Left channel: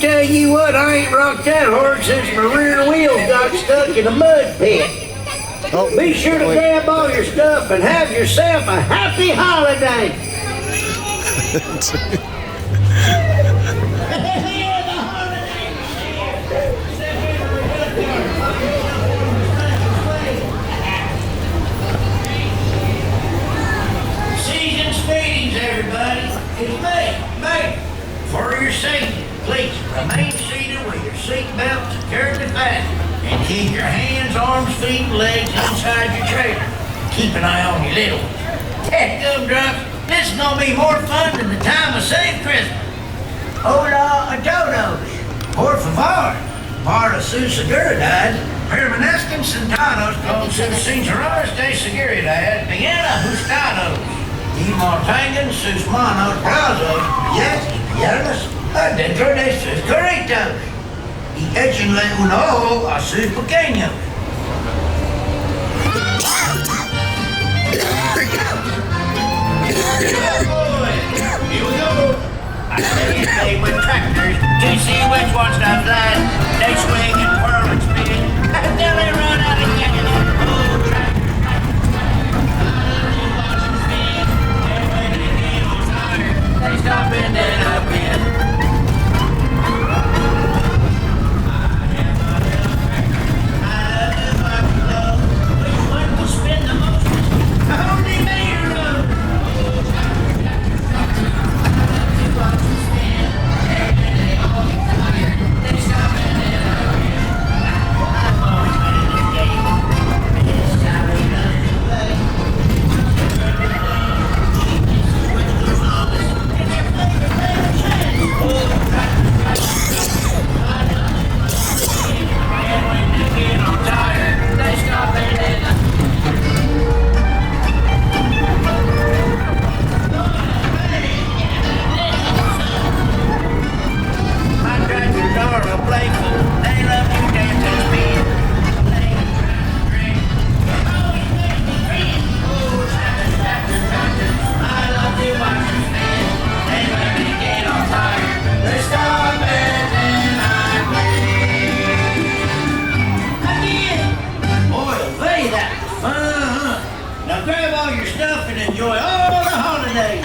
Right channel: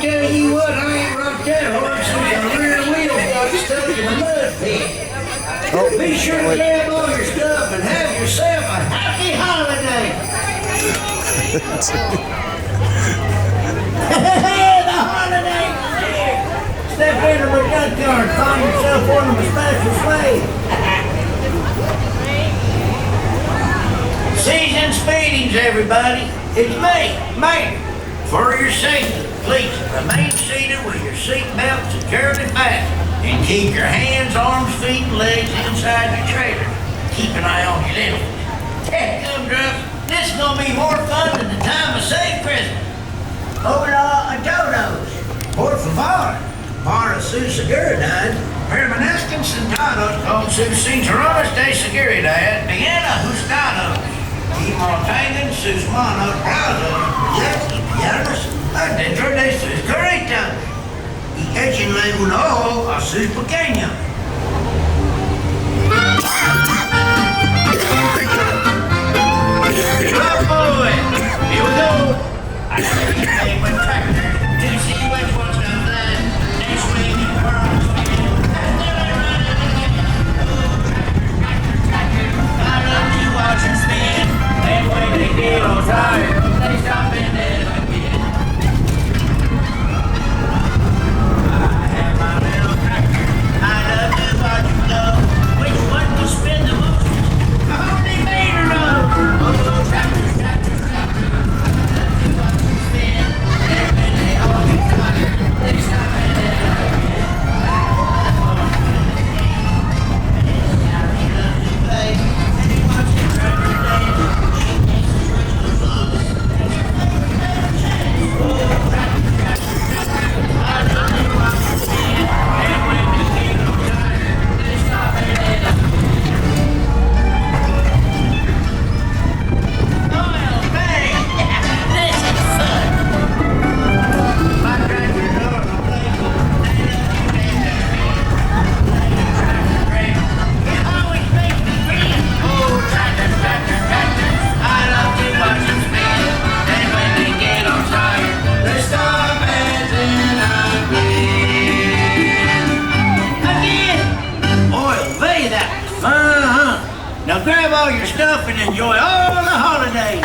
Tell you what, I ain't rocked that hard since the rear wheels got stuck in a mud pit. Be sure to grab all your stuff and have yourself a happy holiday. The holiday! Step into my junkyard, find yourself one of the special slaves. Season's feedings, everybody. It's me, mate. For your safety, please remain seated with your seat belt securely fastened and keep your hands, arms, feet, and legs inside your trailer. Keep an eye on your little ones. Heck, gumdrops, this is gonna be more fun than the time of Save Christmas. Hola a todos. Por favor. Para sus seguridad, permanezcan sentados con sus cinturones de seguridad bien ajustados y mantengan sus manos brazos y piernas adentro de sus carretas y échenle un ojo a sus pequeños. Here we go. I think they with tractors to see which ones does that. They swing and whirl and spin until they run out of gas. Oh, tractor, tractor, tractor. I love to watch them spin. And when they get all tired, they stop and let up in. I have my little tractor. I love to watch them go. Which one will spin the most? Only meter road. Oh, tractor, tractor, tractor. Now grab all your stuff and enjoy all the holidays.